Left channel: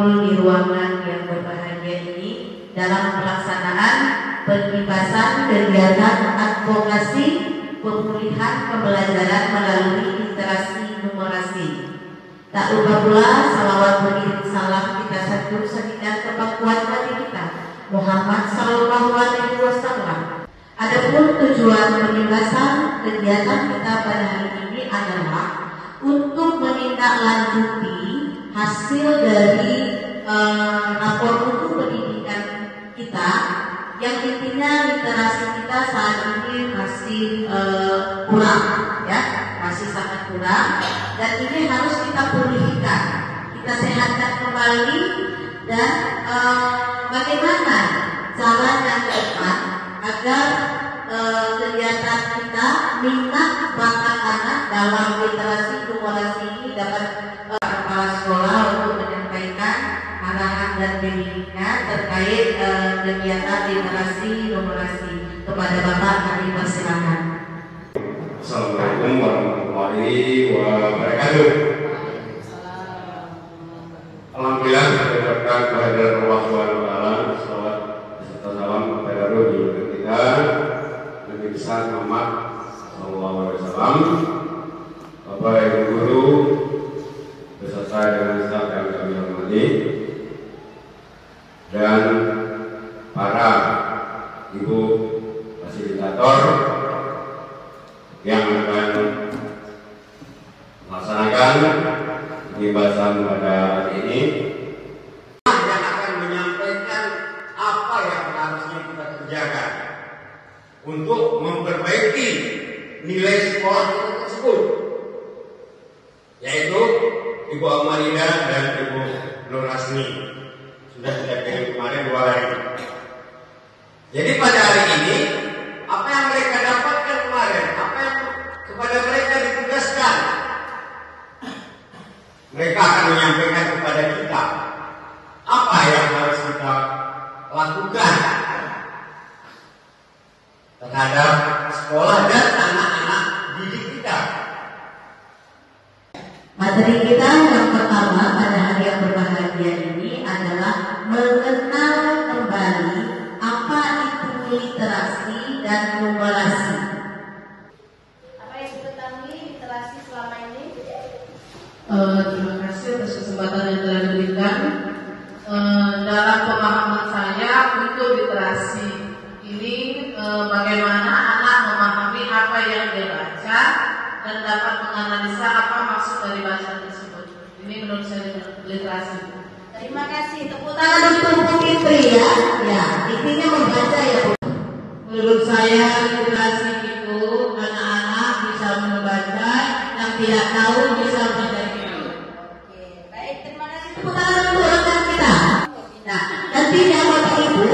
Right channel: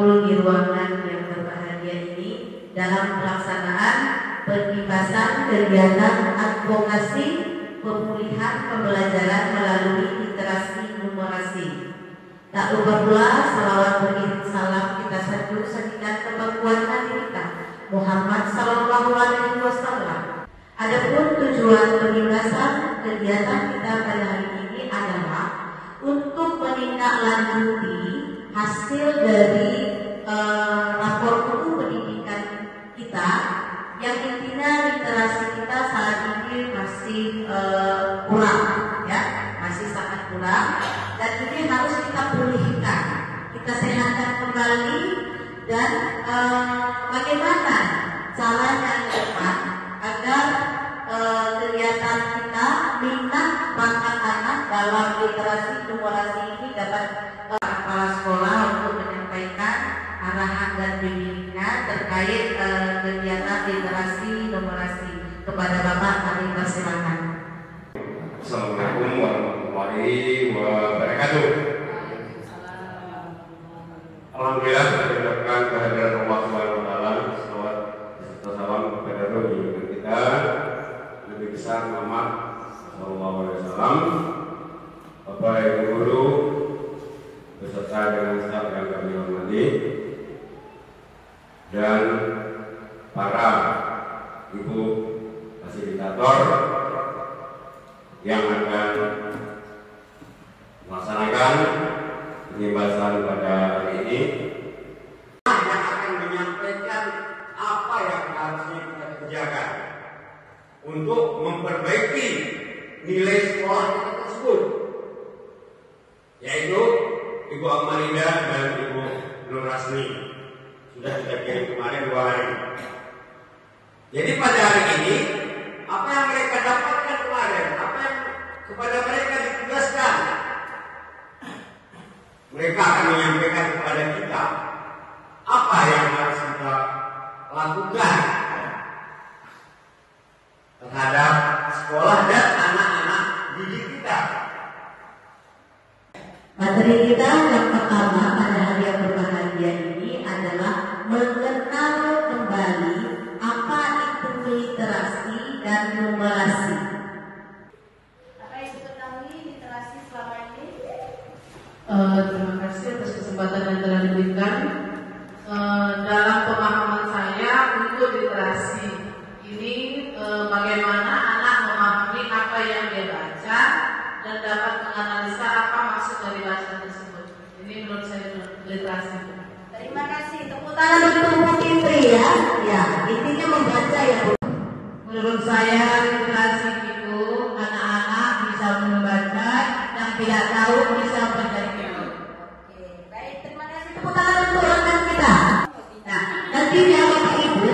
berkumpul di ruangan yang berbahagia ini dalam pelaksanaan pengkipasan kegiatan advokasi pemulihan pembelajaran melalui literasi numerasi. Tak lupa pula salawat beriring salam kita satukan kepangkuan Nabi kita Muhammad Sallallahu Alaihi Wasallam. Adapun tujuan pembahasan kegiatan kita pada hari ini adalah untuk menindaklanjuti hasil dari rapor mutu pendidikan kita yang intinya literasi kita saat ini masih kurang, ya, masih sangat kurang, dan ini harus kita pulihkan, kita sehatkan kembali, dan bagaimana caranya ke depan agar kegiatan kita minat bakat anak dalam literasi numerasi ini dapat kepala sekolah untuk menyampaikan arahan dan bimbingan terkait kegiatan literasi numerasi. Kepada Bapak kami persilakan. Assalamualaikum warahmatullahi wabarakatuh. Alhamdulillah kita ucapkan kehadiran Allah Subhanahu wa taala, salawat serta salam kepada roh kita Nabi besar Muhammad sallallahu alaihi wasallam, Bapak Ibu guru beserta dengan staf yang kami hormati, dan para ibu fasilitator yang akan melaksanakan pembahasan pada hari ini, yang akan menyampaikan apa yang harusnya kita kerjakan untuk memperbaiki nilai sekolah kita tersebut, yaitu Ibu Amalida dan Ibu Nur Rasmi. Sudah kita kirim kemarin 2 hari. Jadi pada hari ini, apa yang mereka dapatkan kemarin, apa yang kepada mereka ditugaskan, mereka akan menyampaikan kepada kita apa yang harus kita lakukan terhadap sekolah dan anak-anak didik kita. Materi kita yang pertama pada hari yang berbahagia ini adalah mengenal kembali apa itu literasi dan numerasi. Apa yang diketahui literasi selama ini? Terima kasih atas kesempatan yang telah diberikan. Dalam pemahaman saya untuk literasi ini bagaimana anak memahami apa yang dia baca dan dapat menganalisa apa maksud dari bacaan tersebut. Ini menurut saya literasi. Terima kasih. Tepuk tangan Tangan untuk Fitri ya, ya intinya membaca ya. Menurut saya literasi itu anak-anak bisa membaca, yang tidak tahu bisa menjadi. Oke, baik. Terima kasih. Tepuk tangan untuk rekan kita. Nah, nantinya Bapak Ibu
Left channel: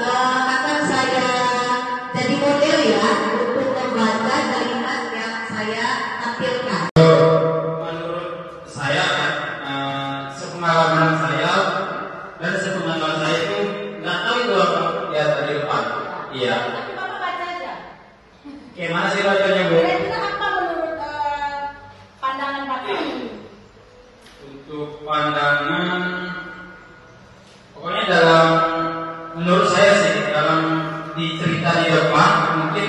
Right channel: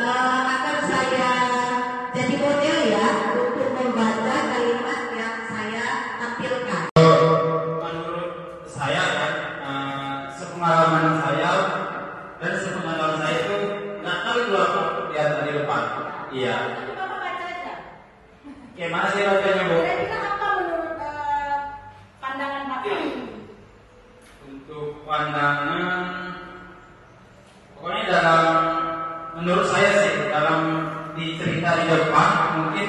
akan saya jadi model ya untuk membaca kalimat yang saya tampilkan. Menurut saya kan, sepengalaman saya dan sepengalaman saya itu nggak tahu dua ya tadi depan. Iya. Nanti Bapak baca aja. Gimana sih bacanya, Bu? Kira juga apa menurut pandangan Bapak? Untuk pandangan, pokoknya dalam menurut saya sih dalam di cerita di depan mungkin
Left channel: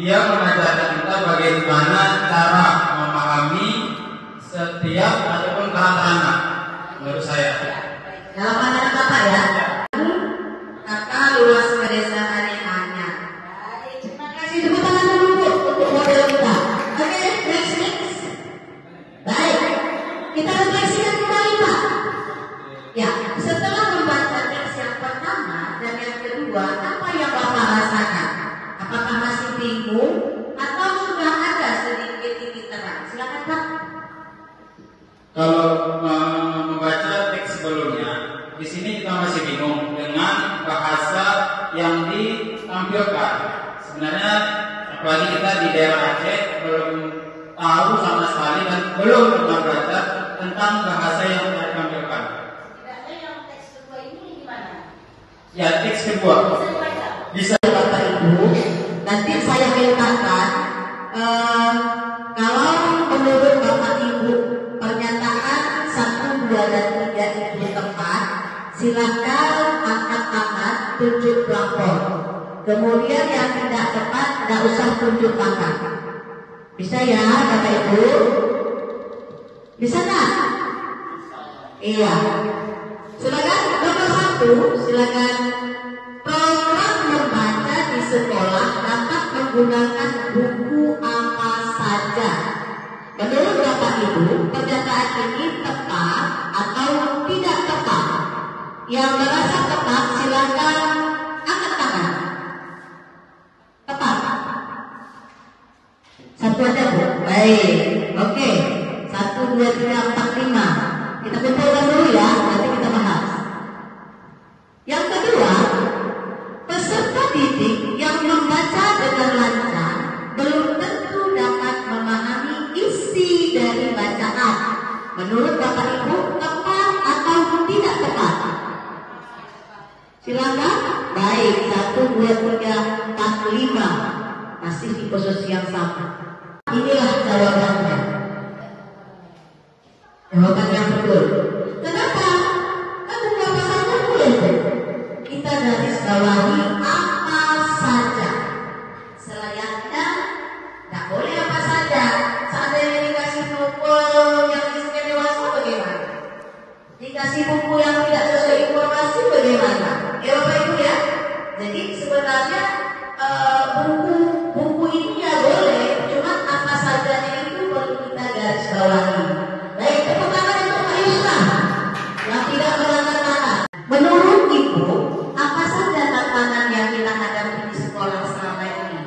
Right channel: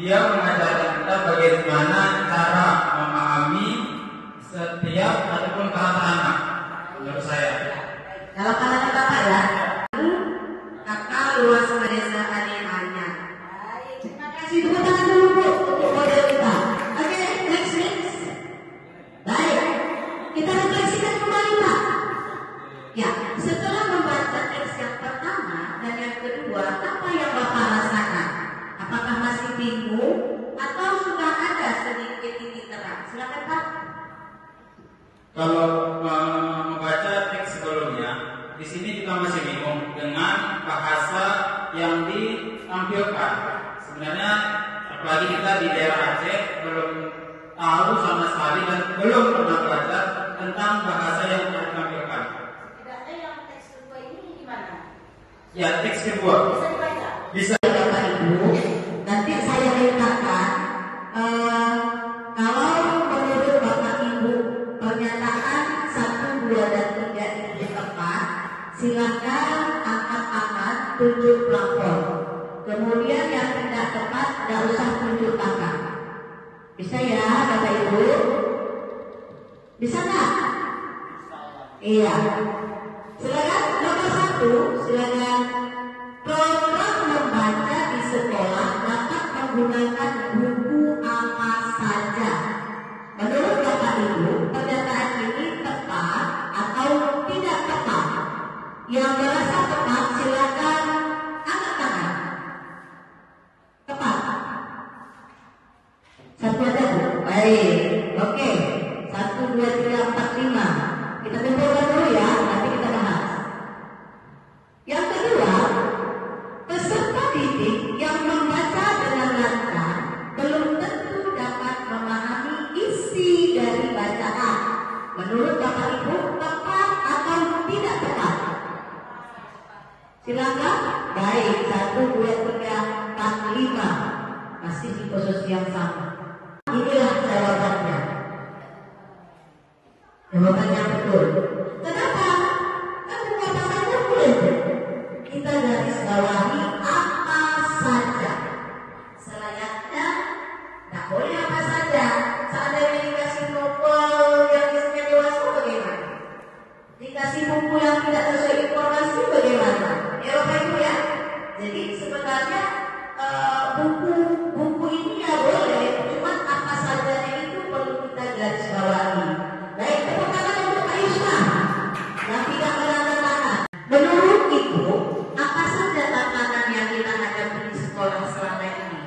dia mengajarkan kita bagaimana cara memahami setiap ataupun karakter anak. Menurut saya. Dalam pandangan Bapak ya, kakak luas pedesaan yang hanya. Baik, terima kasih. Kasih tepuk tangan dulu Bu, untuk model kita. Oke, next. Baik, kita refleksikan kembali Pak. Ya, setelah membaca teks yang pertama dan yang kedua, apa yang Bapak rasakan? Apakah masih bingung atau sudah ada sedikit titik terang? Silakan Pak. Kalau membaca teks sebelumnya, di sini kita masih bingung dengan bahasa yang ditampilkan. Sebenarnya apalagi kita di daerah Aceh belum tahu sama sekali dan belum pernah belajar tentang bahasa yang ditampilkan. Tidaknya yang teks kedua ini gimana? Ya, teks kedua Bisa dibaca? bisa. Bapak Ibu, nanti saya mintakan kalau menurut Bapak Ibu pernyataan 1, 2, dan 3 itu tepat, tunjuk pelapor. Kemudian yang tidak tepat tidak usah tunjuk tangan. Bisa ya Bapak Ibu? Bisa nggak? Iya. Silakan nomor 1, silakan. Program membaca di sekolah dapat menggunakan buku apa saja. Menurut Bapak Ibu, pernyataan ini tepat atau tidak tepat? Yang merasa tepat silakan angkat tangan. Tepat. Satu aja Bu. Baik. Oke. 1, 2, 3, 4, 5. Kita kumpulkan dulu ya, nanti kita bahas. Yang kedua, peserta didik yang membaca dengan lancar belum tentu dapat memahami isi dari bacaan. Menurut Bapak Ibu, tepat atau tidak tepat? Silakan. Baik, 1, 2, 3, 4, 5. Masih di posisi yang sama. Inilah jawabannya. Jawaban yang betul. Kenapa? Kan apa saja boleh. Kita garis bawahi apa saja. Selayaknya tak boleh apa saja. Seandainya dikasih buku yang isinya dewasa bagaimana? Dikasih buku yang tidak sesuai informasi bagaimana? Ya Bapak Ibu ya. Jadi sebenarnya buku ini ya boleh, cuma apa sajanya itu perlu kita garis bawahi. Baik, tepuk tangan untuk Pak Yusman yang tidak mengangkat tangan. Menurut Ibu, apa saja tantangan yang kita hadapi di sekolah selama ini?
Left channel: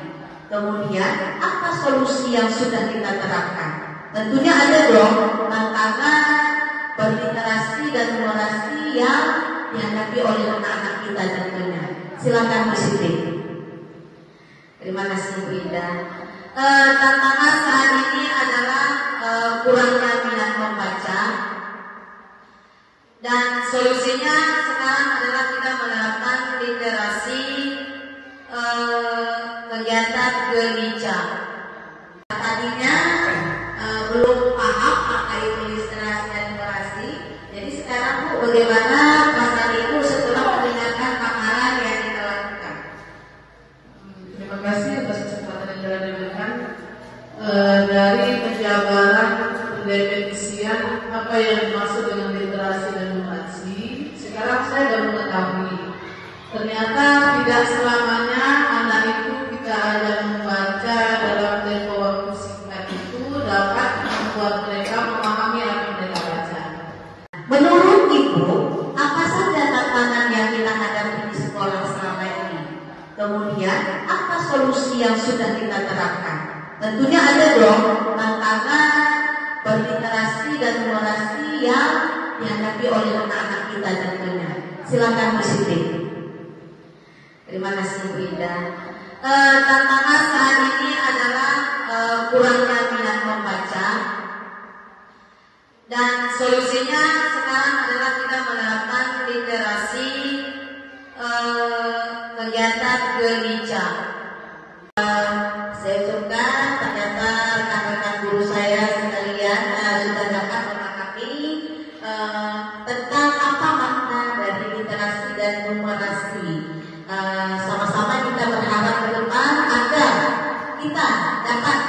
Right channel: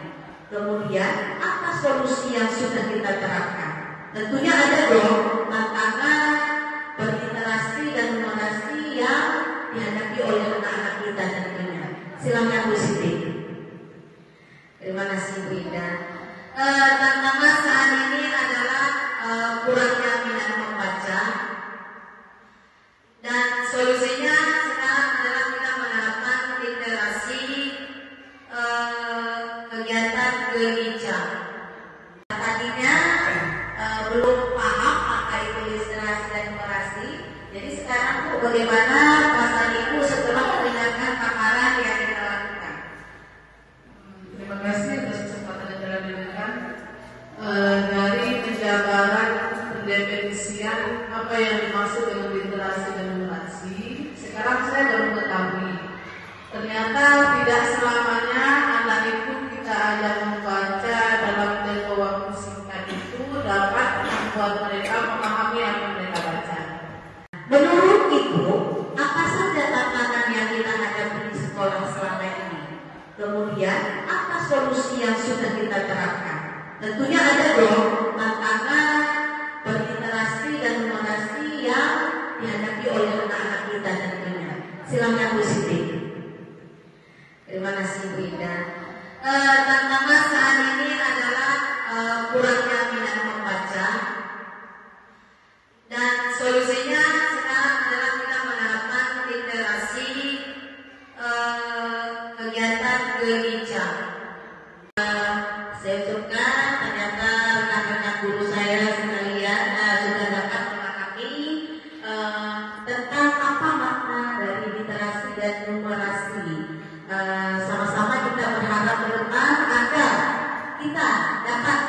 Kemudian, apa solusi yang sudah kita terapkan? Tentunya ada dong tantangan berliterasi dan numerasi yang dihadapi oleh anak-anak kita tentunya. Silakan Bu Siti. Terima kasih Bu Ida. Tantangan saat ini adalah kurangnya minat membaca, dan solusinya sekarang adalah kita menerapkan literasi kegiatan gereja. Tadinya belum paham apa itu literasi dan numerasi, jadi sekarang Bu, bagaimana masalah itu setelah mendengarkan paparan yang kita lakukan? Terima kasih atas kesempatan yang telah diberikan. Dari penjabaran pendefinisian apa yang dimaksud dengan literasi dan numerasi, sekarang saya baru mengetahui ternyata tidak selamanya anak itu kita ajak membaca dalam tempo waktu singkat itu dapat membuat mereka memahami apa yang mereka baca. Menurut Ibu, apa saja tantangan yang kita hadapi di sekolah selama ini? Kemudian, apa solusi yang sudah kita terapkan? Tentunya ada dong tantangan berliterasi dan numerasi yang dihadapi oleh anak-anak kita tentunya. Silakan Bu Siti. Terima kasih Bu Ida. Tantangan saat ini adalah kurangnya minat membaca, dan solusinya sekarang adalah kita menerapkan literasi kegiatan gereja. Saya suka ternyata rekan-rekan guru saya sekalian sudah dapat memahami tentang apa makna dari literasi dan numerasi. Sama-sama kita berharap ke depan agar kita dapat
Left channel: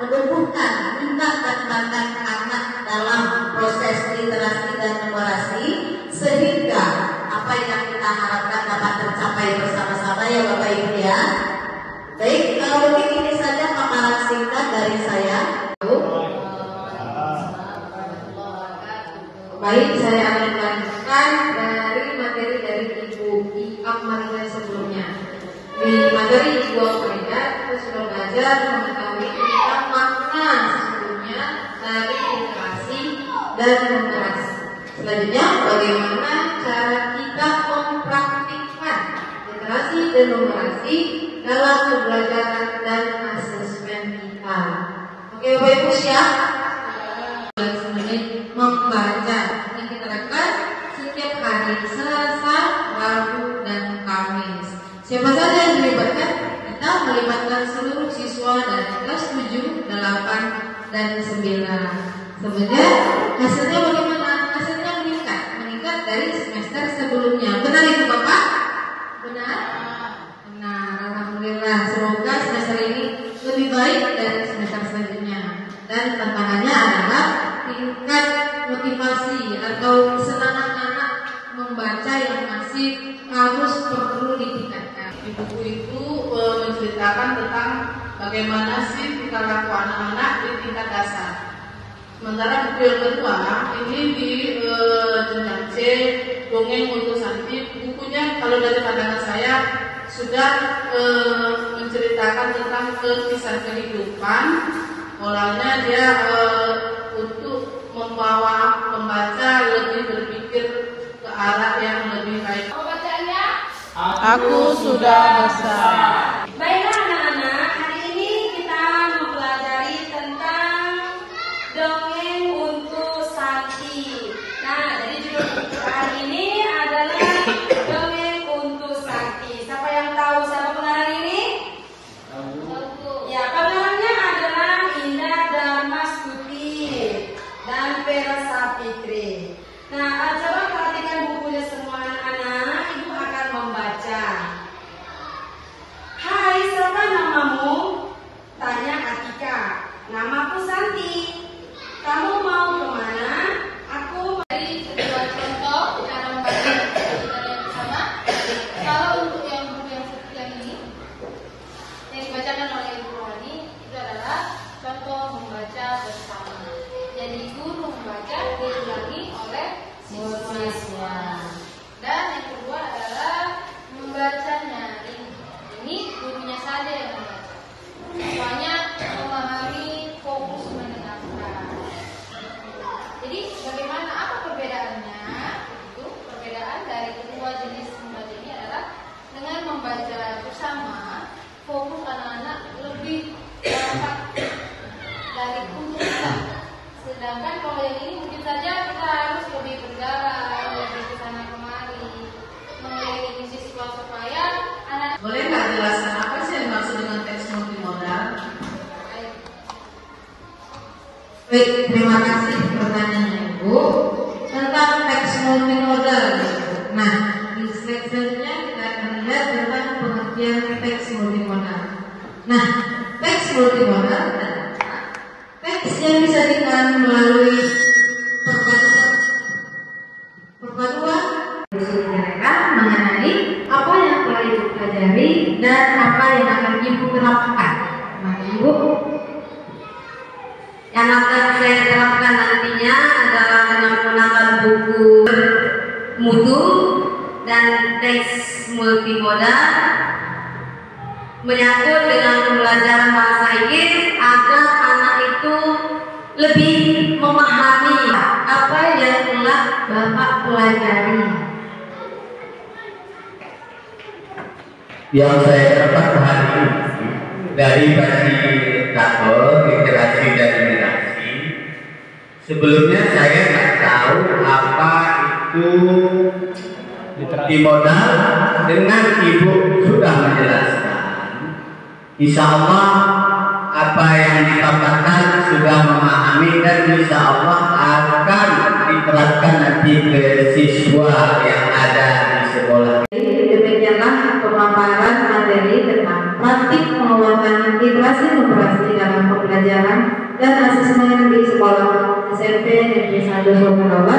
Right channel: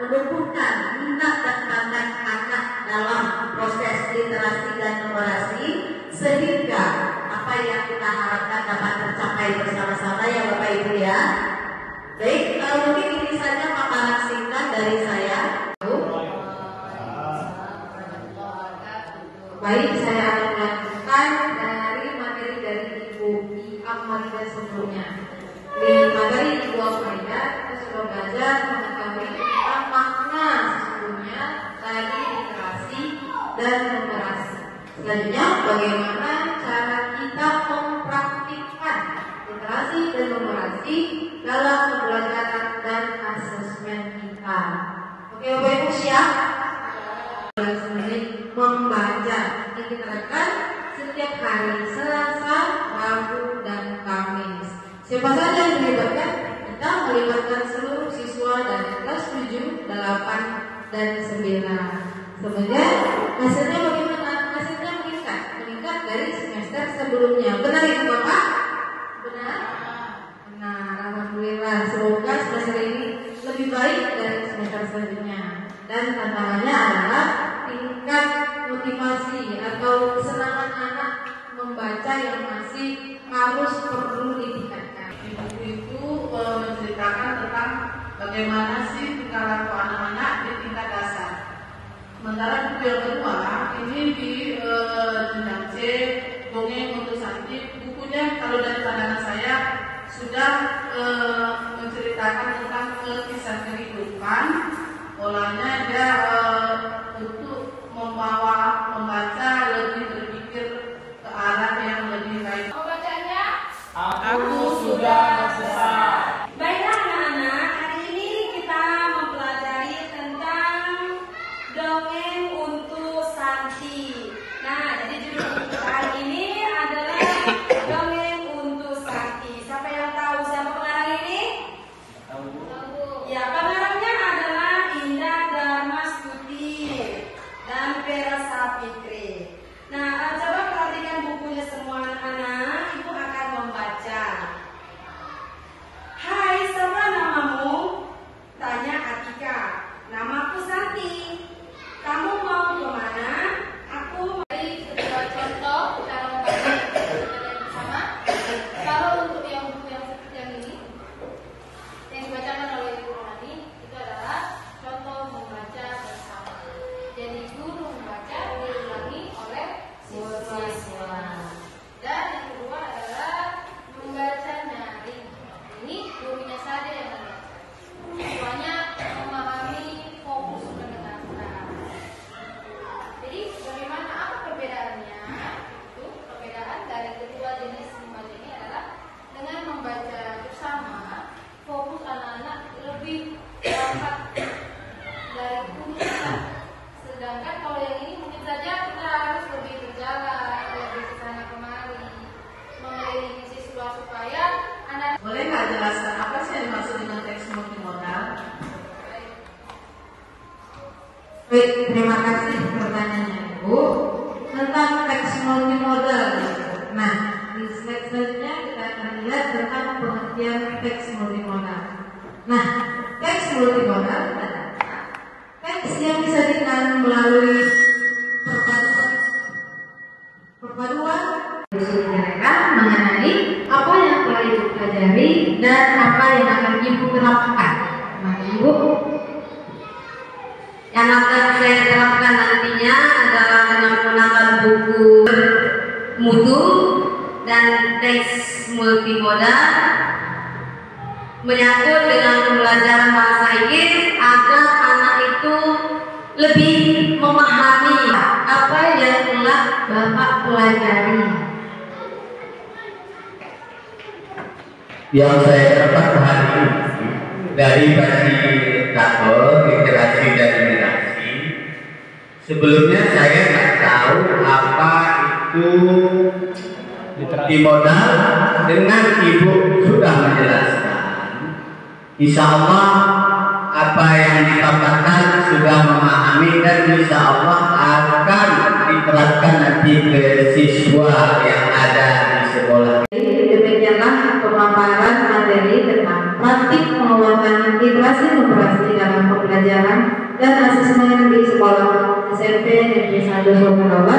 menumbuhkan minat dan bakat anak dalam proses literasi dan numerasi, sehingga apa yang kita harapkan dapat tercapai bersama-sama ya Bapak Ibu ya. Baik, mungkin ini saja paparan singkat dari saya. Baik, saya akan melanjutkan dari materi dari Ibu Amalia sebelumnya. Di materi Ibu Amalia, kita sudah belajar mengetahui tentang makna sesungguhnya dari literasi dan numerasi. Selanjutnya, bagaimana cara kita mempraktikkan literasi dan numerasi dalam pembelajaran dan asesmen kita. Oke, Bapak Ibu siap? Menit membaca yang kita lakukan setiap hari Selasa, Rabu, dan Kamis. Siapa saja yang dilibatkan? Kita melibatkan seluruh siswa dari kelas 7, 8, dan 9. Kemudian hasilnya bagaimana? Hasilnya meningkat dari semester sebelumnya. Benar Ibu Bapak? Benar? Dan tantangannya adalah tingkat motivasi atau kesenangan anak membaca yang masih harus perlu ditingkatkan. Buku itu menceritakan tentang bagaimana sih tingkah laku anak-anak di tingkat dasar. Sementara buku yang kedua ini di jenjang C, Dongeng untuk Santi. Bukunya kalau dari pandangan saya sudah menceritakan tentang kisah kehidupan. Polanya dia untuk membawa pembaca lebih berpikir ke arah yang lebih baik. Pembacanya Aku sudah besar. baiklah anak-anak, hari ini kita mempelajari tentang dongeng untuk Sakti. Nah, jadi judul hari ini adalah dongeng untuk Sakti. Siapa yang tahu siapa pengarang ini? Ya, pengarangnya adalah Indah Dharmastuti dan Vera Sapitri. Nah, coba perhatikan bukunya semua anak-anak. Ibu akan membaca. Hai, siapa namamu? Tanya Atika. Namaku Santi. Kamu mau kemana? Aku dari sebuah contoh cara membaca yang sama. Kalau untuk yang buku yang seperti yang ini, yang dibacakan oleh Ibu Rohani, itu adalah contoh membaca bersama. Jadi guru membaca diulangi oleh siswa. Dan yang kedua adalah membacanya. Ini gurunya saja yang membaca. Siswanya memahami fokus mendengarkan. Jadi bagaimana apa perbedaannya? Itu perbedaan dari kedua jenis membaca ini adalah dengan membaca bersama, fokus anak-anak lebih dapat dari untuk kita. Sedangkan kalau yang ini mungkin saja kita harus lebih berjalan, lebih ke sana kemari, mengelilingi siswa supaya anak. Boleh nggak jelaskan apa sih yang dimaksud dengan teks multimodal? Baik, terima kasih pertanyaannya Ibu tentang teks multimodal. Nah, di slide selanjutnya kita akan lihat tentang pengertian teks multimodal. Nah, teks multimodal adalah teks yang disajikan melalui perpaduan mereka mengenai apa yang telah Ibu pelajari dan apa yang akan Ibu terapkan. Nah, Ibu, yang akan saya terapkan nantinya adalah dengan menggunakan buku mutu dan teks multimodal menyangkut dengan pembelajaran bahasa Inggris agar anak itu lebih memahami apa yang telah Bapak pelajari. Yang saya dapat hari ini dari fasilitator literasi dan literasi, sebelumnya saya nggak tahu apa itu multimodal. Dengan Ibu sudah menjelaskan, insya Allah apa yang dipaparkan sudah memahami dan insya Allah akan diterapkan nanti ke siswa yang ada di sekolah. Demikianlah pemaparan materi tentang praktik penguatan literasi literasi dalam pembelajaran dan asesmen di sekolah SMP Negeri 1 Sumbawa.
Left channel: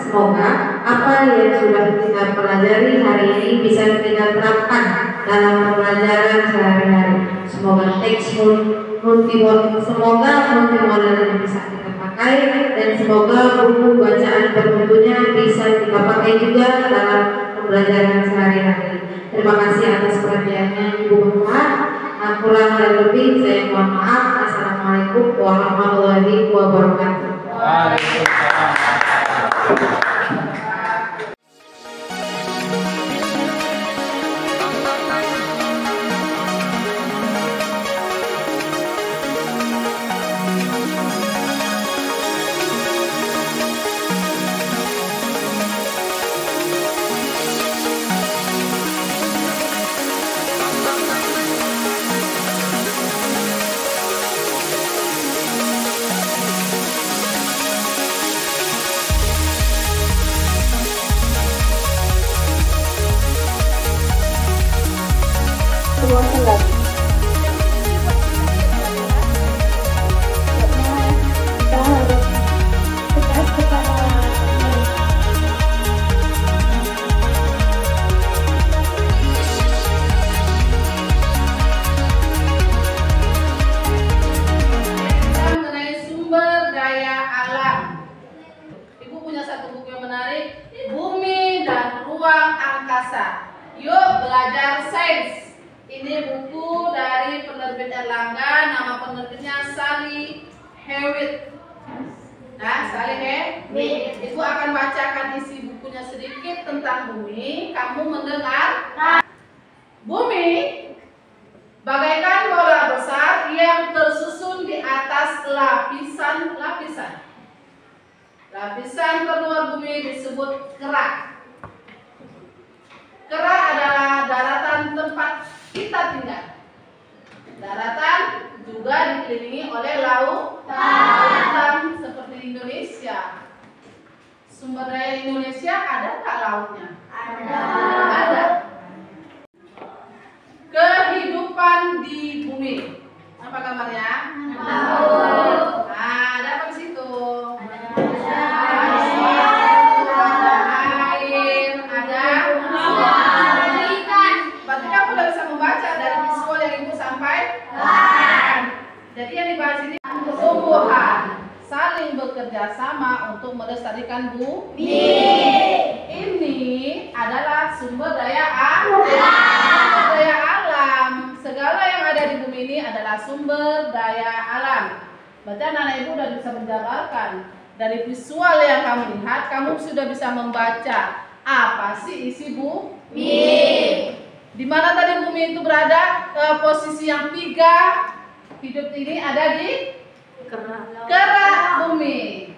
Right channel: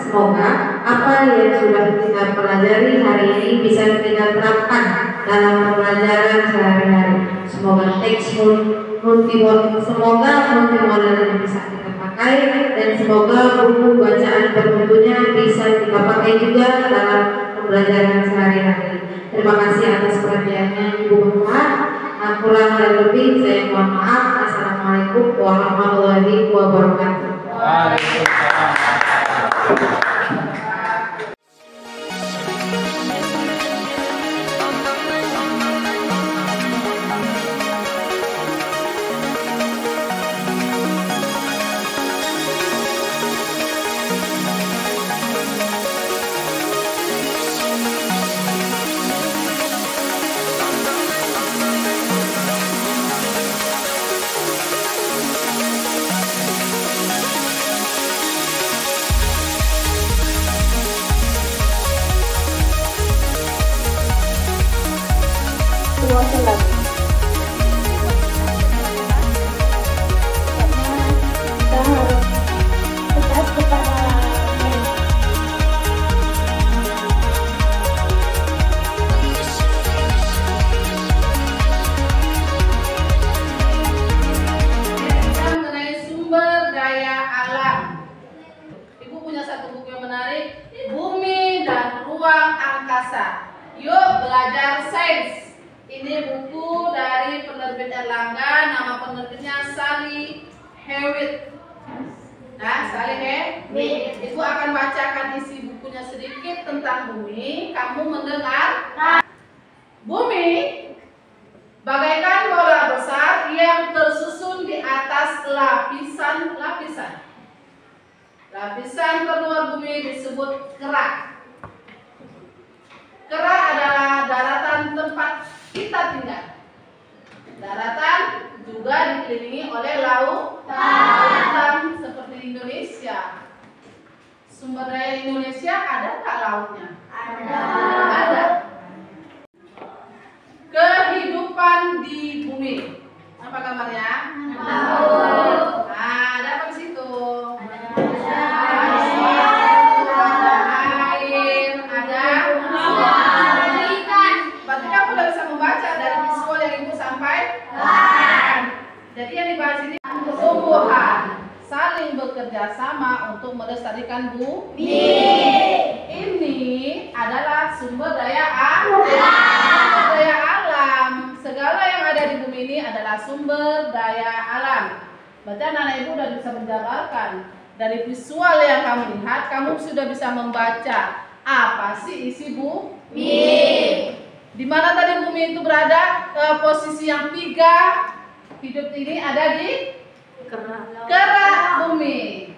Semoga apa yang sudah kita pelajari hari ini bisa kita terapkan dalam pembelajaran sehari-hari. Semoga teks multimodal ini bisa kita pakai dan semoga buku bacaan bermutunya bisa kita pakai juga dalam pembelajaran sehari-hari. Terima kasih atas perhatiannya Ibu Bapak. Kurang dan lebih saya mohon maaf. Assalamualaikum warahmatullahi wabarakatuh. Belajar Sains. Ini buku dari penerbit Erlangga, nama penerbitnya Sally Hewitt. Nah, Sally Hewitt. Ibu akan bacakan isi bukunya sedikit tentang bumi. Kamu mendengar? Bumi bagaikan bola besar yang tersusun di atas lapisan-lapisan. Lapisan terluar bumi disebut kerak. Kerak adalah daratan tempat kita tinggal. Daratan juga dikelilingi oleh lautan seperti Indonesia. Sumber daya Indonesia ada nggak lautnya? Ada. Kehidupan di bumi. Apa kabarnya? Nah, ada apa di situ? Ada air, ada ikan. Berarti kamu udah bisa membaca dari visual yang ibu sampaikan. Jadi yang dibahas ini tumbuhan saling bekerja sama untuk melestarikan bumi. Ini adalah sumber daya alam. Segala yang ada di bumi ini adalah sumber daya alam. Berarti anak-anak ibu sudah bisa menjabarkan dari visual yang kamu lihat, kamu sudah bisa membaca apa sih isi bumi. Di mana tadi bumi itu berada? Posisi yang 3 hidup ini ada di kerak bumi.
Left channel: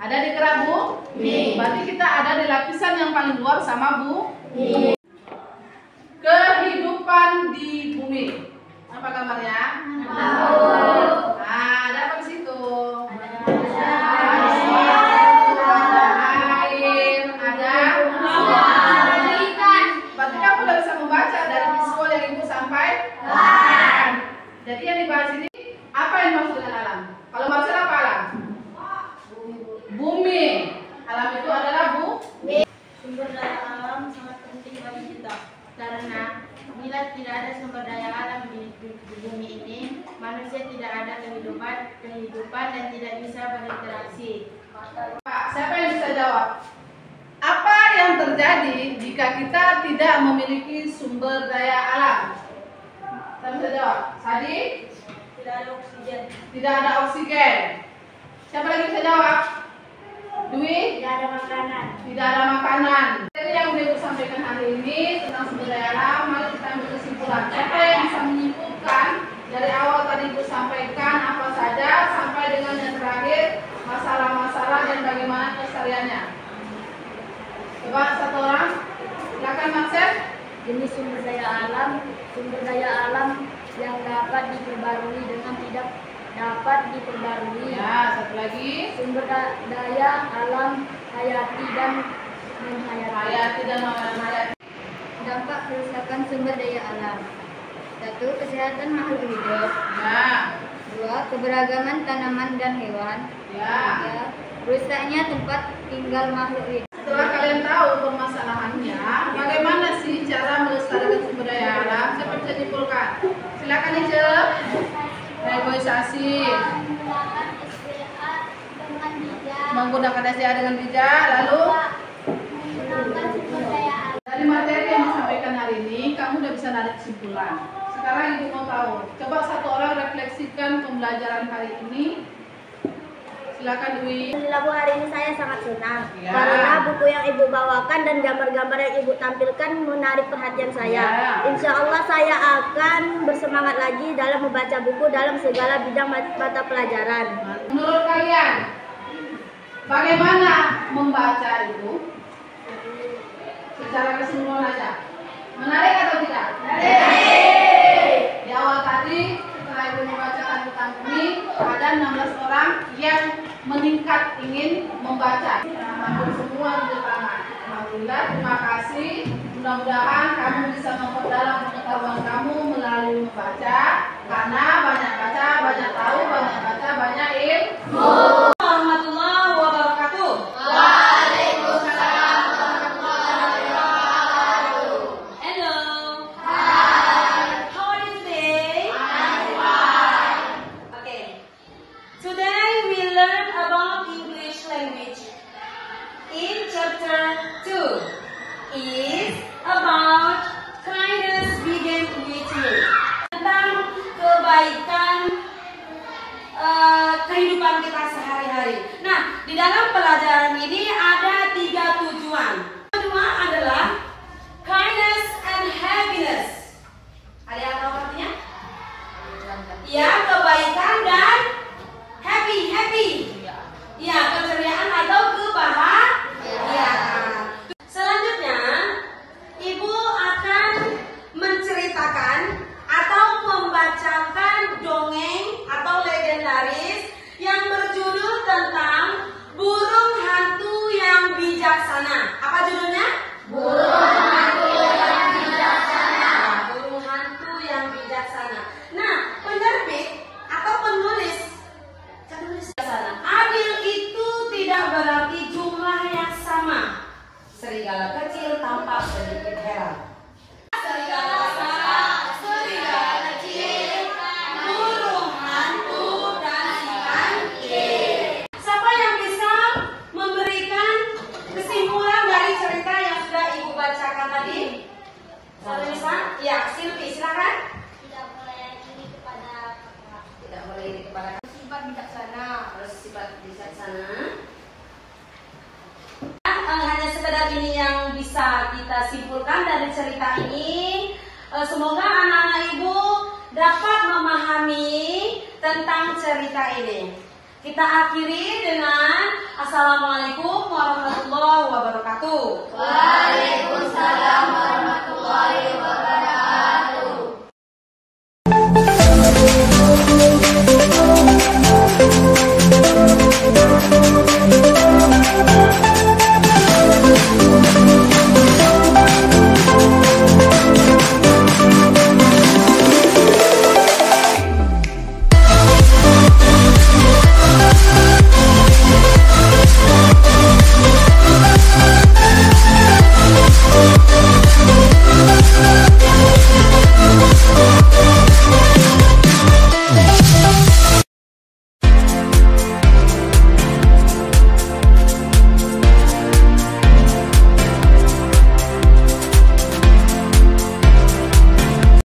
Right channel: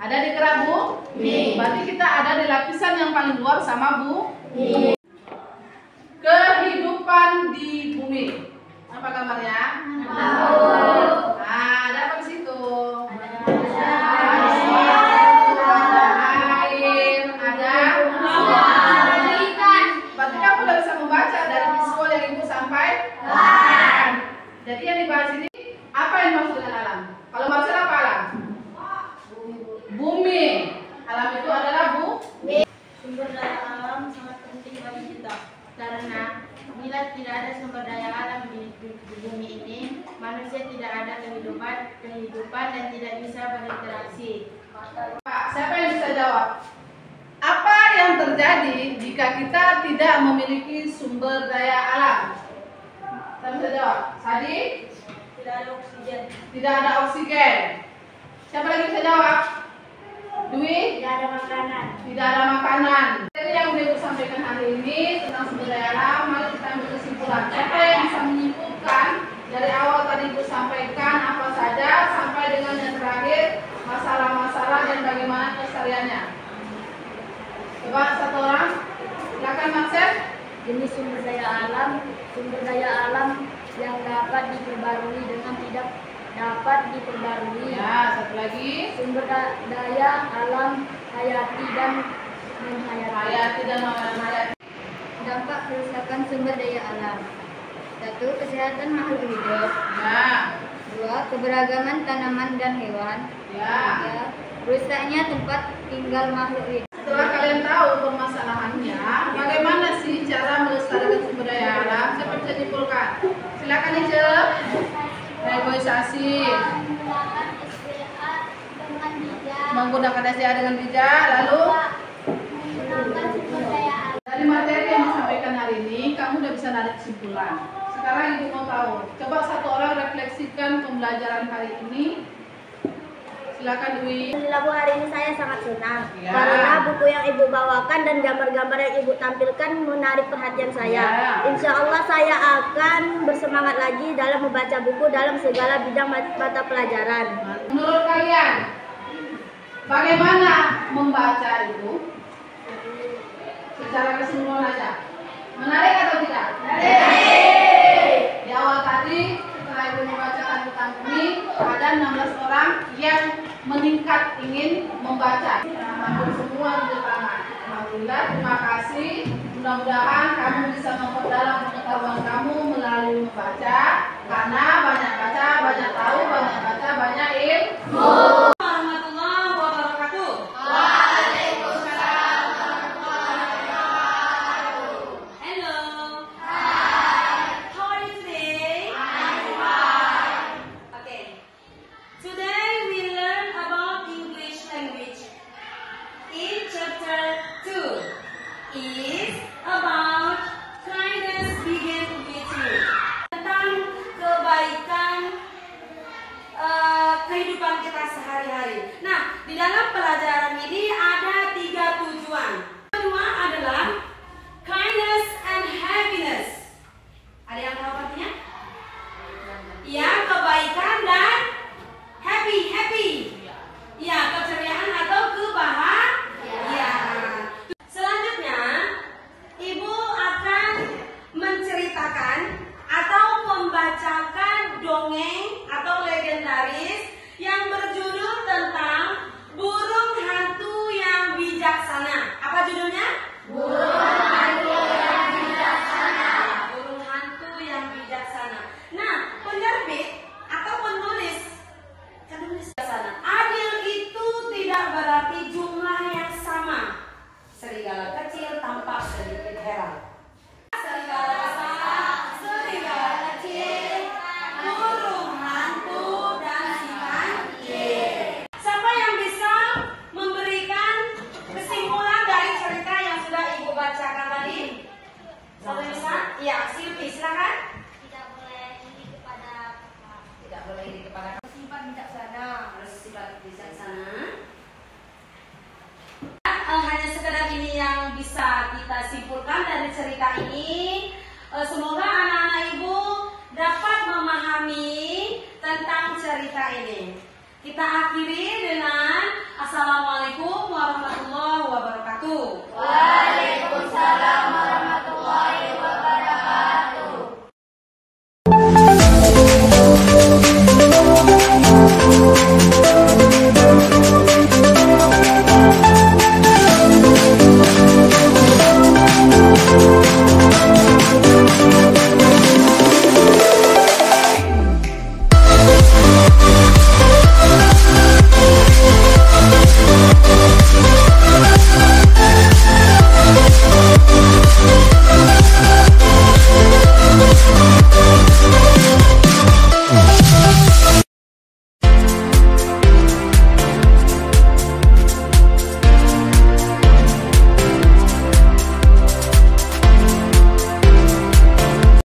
Ada di kerak bumi. Berarti kita ada di lapisan yang paling luar sama bumi. Kehidupan di bumi. Apa kabarnya? Nah, ada apa di situ? Ada air, ada ikan. Berarti kamu udah bisa membaca dari visual yang ibu sampaikan. Jadi yang dibahas ini apa yang dimaksud dengan alam? Kalau maksud apa alam? Bumi. Alam itu adalah bumi. Sumber daya alam sangat penting bagi kita. Karena bila tidak ada sumber daya alam di bumi ini, manusia tidak ada kehidupan dan tidak bisa berinteraksi. Pak, siapa yang bisa jawab? Apa yang terjadi jika kita tidak memiliki sumber daya alam? Siapa bisa jawab? Sadi? Tidak ada oksigen. Tidak ada oksigen. Siapa lagi bisa jawab? Dwi? Tidak ada makanan. Tidak ada makanan. Jadi yang Ibu sampaikan hari ini tentang sumber daya alam, mari kita ambil kesimpulan. Siapa yang bisa menyimpulkan dari awal tadi Ibu sampaikan apa saja sampai dengan yang terakhir masalah-masalah dan bagaimana kelestariannya? Coba satu orang, silakan Maksud. Jenis sumber daya alam yang dapat diperbarui dengan tidak dapat diperbarui. Ya, satu lagi. Sumber daya alam hayati dan Hayati dan non-hayati. Dampak kerusakan sumber daya alam. 1. Kesehatan makhluk hidup. Ya. 2. Keberagaman tanaman dan hewan. Ya. 3. Rusaknya tempat tinggal makhluk hidup. Setelah kalian tahu permasalahannya, bagaimana sih cara melestarikan sumber daya alam? Siapa bisa dipulkan? Silakan Ice. Reboisasi. Menggunakan SDA dengan bijak. Lalu dari materi yang disampaikan hari ini, kamu udah bisa narik kesimpulan. Sekarang Ibu mau tahu. Coba satu orang refleksikan pembelajaran hari ini. Silakan Dwi. Alhamdulillah Bu, hari ini saya sangat senang Ya. karena buku yang Ibu bawakan dan gambar-gambar yang Ibu tampilkan menarik perhatian saya. Ya. Insya Allah saya akan bersemangat lagi dalam membaca buku dalam segala bidang mata pelajaran. Menurut kalian, bagaimana membaca itu? Secara keseluruhan aja. Menarik atau tidak? Menarik. Di awal tadi, setelah Ibu membacakan tentang bumi, ada 16 orang yang meningkat ingin membaca. Hampir semua di tangan. Alhamdulillah, terima kasih. Mudah-mudahan kamu bisa memperdalam pengetahuan kamu melalui membaca. Karena banyak baca, banyak tahu, banyak baca, banyak ilmu. Warahmatullahi wabarakatuh. Hello. How are you today? Okay. Today we learn about English language. In chapter 2 is about kind Ya, Silvi, silakan. Tidak boleh ini kepada kakak. Tidak boleh ini kepada Sifat bijaksana. harus sifat bijaksana. Hanya sekedar ini yang bisa kita simpulkan dari cerita ini. Semoga anak-anak ibu dapat memahami tentang cerita ini. Kita akhiri dengan Assalamualaikum warahmatullahi wabarakatuh. Waalaikumsalam warahmatullahi wabarakatuh.